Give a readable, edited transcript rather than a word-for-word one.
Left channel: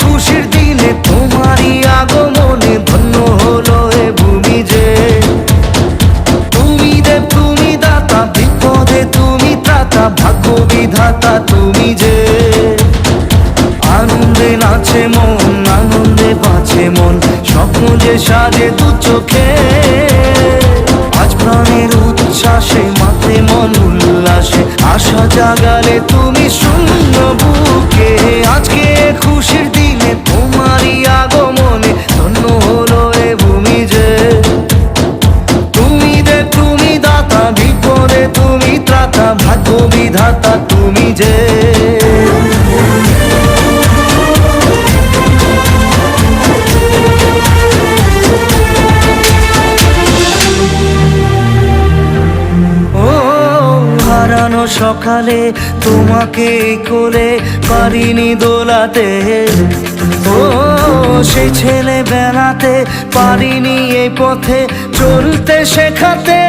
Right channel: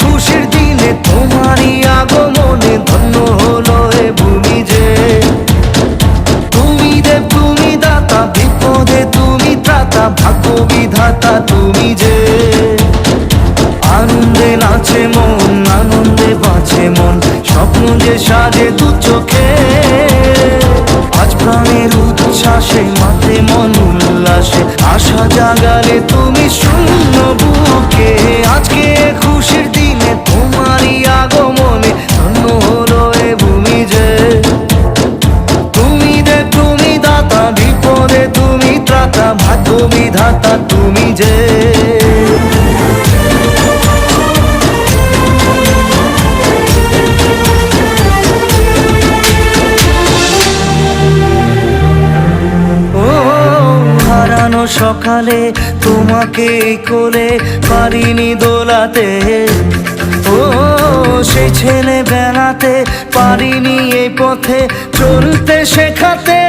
খুশির দিনে তোমারই আগমনে ধন্য হলো এ ভূমি যে। তুমি দেব তুমি দাতা, বিপদে তুমি ত্রাতা, ভাগ্য বিধাতা তুমি যে। আনন্দে নাচে মন, আনন্দে বাঁচে মন, স্বপ্ন যে সাজে দু চোখে। আজ প্রাণের উচ্ছ্বাসে মাতে মন উল্লাসে, আশা জাগালে তুমি শূন্য বুকে। আজকে খুশির দিনে তোমারই আগমনে ধন্য হলো এ ভূমি যে। তুমি দেব তুমি দাতা, বিপদে তুমি ত্রাতা, ভাগ্য বিধাতা তুমি যে। হারানো সকালে তোমাকে কোলে পারিনি দোলাতে, ও সেই ছেলে বেলাতে পারিনি এই পথে চলতে শেখাতে।